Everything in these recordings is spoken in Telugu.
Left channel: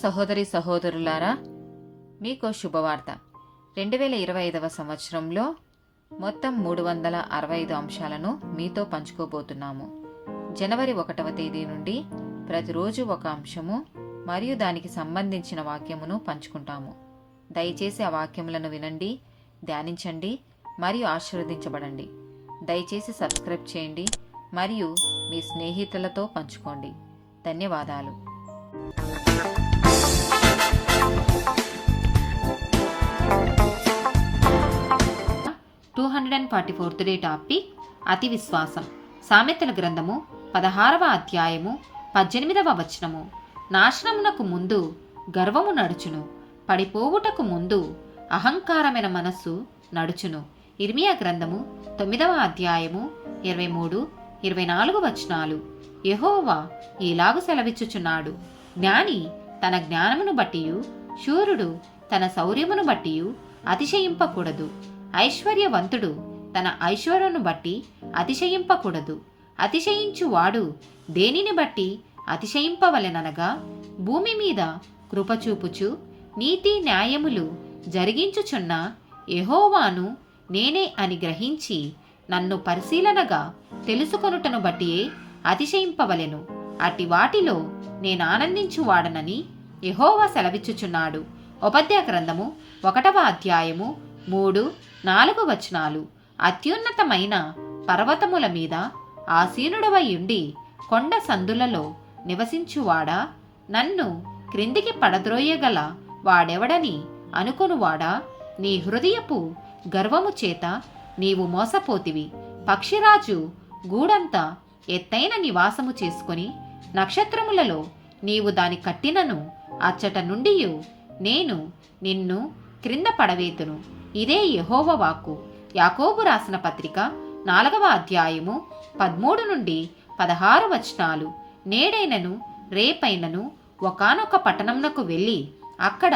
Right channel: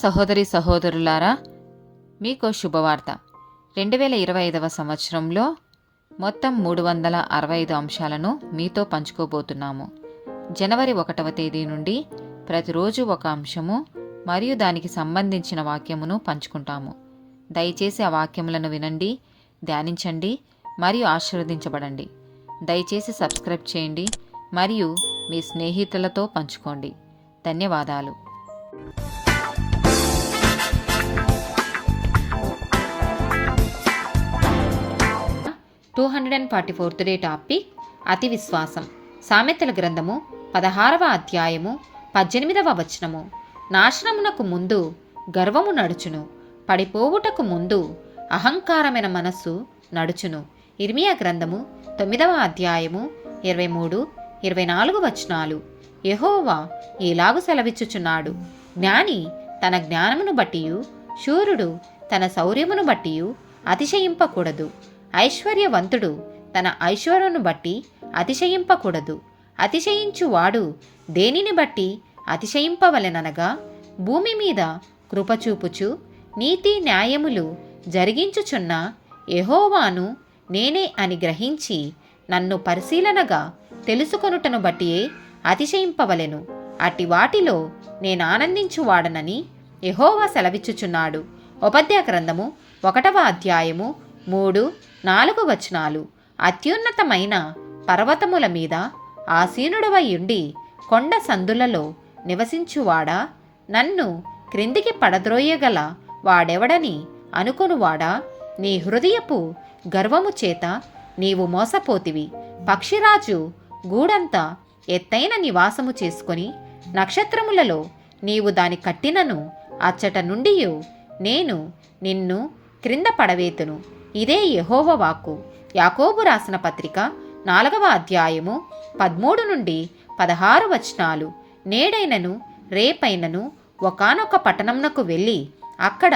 సహోదరి సహోదరులారా, మీకు శుభవార్త. 2025 సంవత్సరంలో మొత్తం 365 అంశాలను మీతో పంచుకోబోతున్నాము. జనవరి 1వ తేదీ నుండి ప్రతిరోజు ఒక అంశము మరియు దానికి సంబంధించిన వాక్యమును పంచుకుంటాము. దయచేసి ఆ వాక్యములను వినండి, ధ్యానించండి మరియు ఆశీర్వదించబడండి. దయచేసి సబ్స్క్రైబ్ చేయండి మరియు మీ స్నేహితులతో పంచుకోండి. ధన్యవాదాలు. 244th డే టాపిక్ అతి విశ్వాసం. సామెతల గ్రంథము 16వ అధ్యాయము 18వ వచనము. నాశనమునకు ముందు గర్వము నడుచును, పడిపోవుటకు ముందు అహంకారమైన మనస్సు నడుచును. ఇర్మియా గ్రంథము 9వ అధ్యాయము 23-24 వచనాలు. యెహోవా ఈలాగు సెలవిచ్చుచున్నాడు, జ్ఞాని తన జ్ఞానమును బట్టియు శూరుడు తన శౌర్యమును బట్టియు అతిశయింపకూడదు. ఐశ్వర్యవంతుడు తన ఐశ్వర్యమును బట్టి అతిశయింపకూడదు. అతిశయించువాడు దేనిని బట్టి అతిశయింపవలెననగా, భూమి మీద కృపచూపుచు నీతి న్యాయములు జరిగించుచున్న యెహోవాను నేనే అని గ్రహించి నన్ను పరిశీలనగా తెలుసుకొనుటను బట్టియే అతిశయింపవలెను. అట్టి వాటిలో నేను ఆనందించువాడనని యెహోవా సెలవిచ్చుచున్నాడు. ఉపద్య గ్రంథము 1వ అధ్యాయము 3-4 వచనాలు. అత్యున్నతమైన పర్వతముల మీద ఆసీనుడవై ఉండి కొండ సందులలో నివసించువాడా, నన్ను క్రిందికి పడద్రోయగల వాడెవడని అనుకొనువాడా, నీ హృదయపు గర్వము చేత నీవు మోసపోతివి. పక్షిరాజు గూడంత ఎత్తైన నివాసము చేసుకొని నక్షత్రములలో నీవు దాని కట్టినను అచ్చట నుండి నేను నిన్ను క్రింద పడవేతును. ఇదే యెహోవా వాక్కు. యాకోబు రాసిన పత్రిక 4వ అధ్యాయము 13-16 వచనాలు. నేడైనను రేపైనను ఒకానొక పట్టణమునకు వెళ్ళి అక్కడ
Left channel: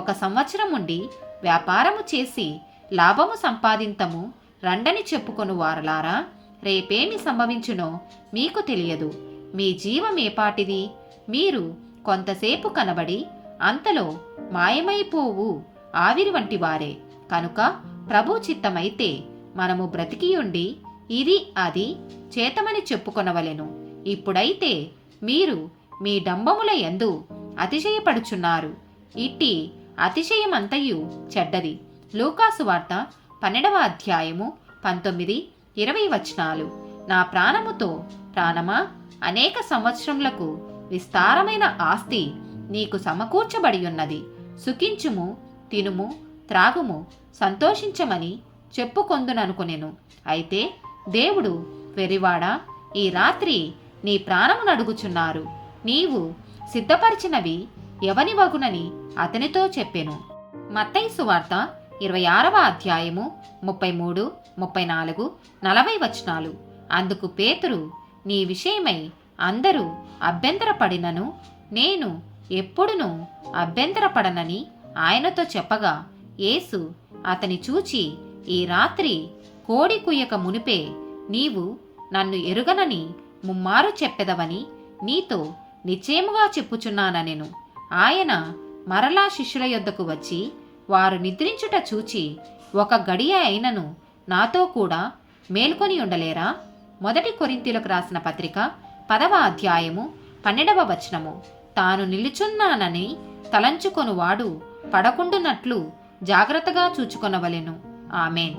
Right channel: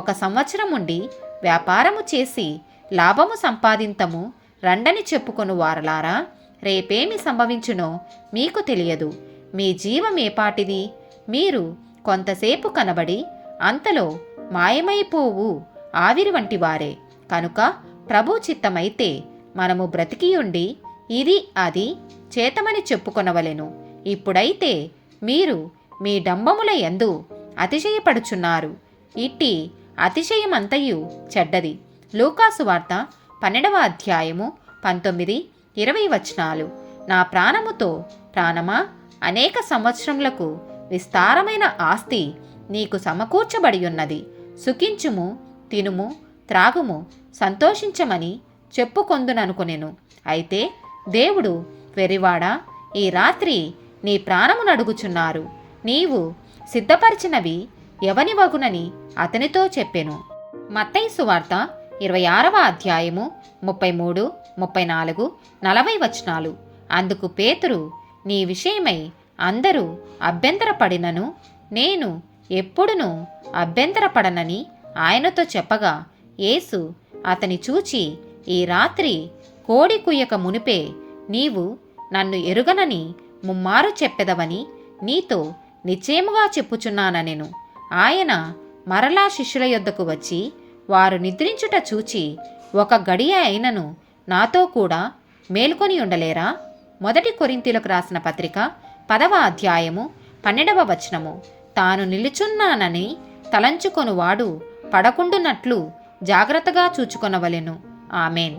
1 సంవత్సరం ఉండి వ్యాపారము చేసి లాభము సంపాదింతము రండని చెప్పుకొను వారలారా, రేపేమి సంభవించునో మీకు తెలియదు. మీ జీవమేపాటిది? మీరు కొంతసేపు కనబడి అంతలో మాయమైపోవు ఆవిరి వంటి వారే. కనుక ప్రభు చిత్తమైతే మనము బ్రతికియుండి ఇది అది చేతమని చెప్పుకొనవలెను. ఇప్పుడైతే మీరు మీ డంబముల యందు అతిశయపడుచున్నారు. ఇట్టి అతిశయమంతయు చెడ్డది. లూకాసు వార్త 12వ అధ్యాయము 19-20 వచనాలు. నా ప్రాణముతో ప్రాణమా, అనేక సంవత్సరములకు విస్తారమైన ఆస్తి నీకు సమకూర్చబడి ఉన్నది. సుఖించుము, తినుము, త్రాగుము, సంతోషించమని చెప్పుకొందుననుకొనెను. అయితే దేవుడు, వెరివాడా, ఈ రాత్రి నీ ప్రాణమును అడుగుచున్నారు. నీవు సిద్ధపరిచినవి ఎవని వగునని అతనితో చెప్పెను. మత్తయి సువార్త 26వ అధ్యాయము 33, 34, 40 వచనాలు. అందుకు పేతురు, నీ విషయమై అందరూ అభ్యంతరపడినను నేను ఎప్పుడునూ అభ్యంతరపడనని ఆయనతో చెప్పగా, యేసు అతని చూచి, ఈ రాత్రి కోడి కుయ్యక మునిపే నీవు నన్ను ఎరుగనని ముమ్మారు చెప్పెదవని నీతో నిశ్చయముగా చెప్పుచున్నానెను. ఆయన మరలా శిష్యుల యొద్దకు వచ్చి, వారు నిద్రించుట చూచి 1 గడియ అయినను నాతో కూడా మేల్కొని ఉండలేరా? 1 కొరింథీయులకు రాసిన పత్రిక 10వ అధ్యాయము 12వ వచనము. తాను నిలుచున్నానని తలంచుకొనువాడు పడకుండునట్లు జాగ్రత్తగా చూచుకొనవలెను. ఆమేన్.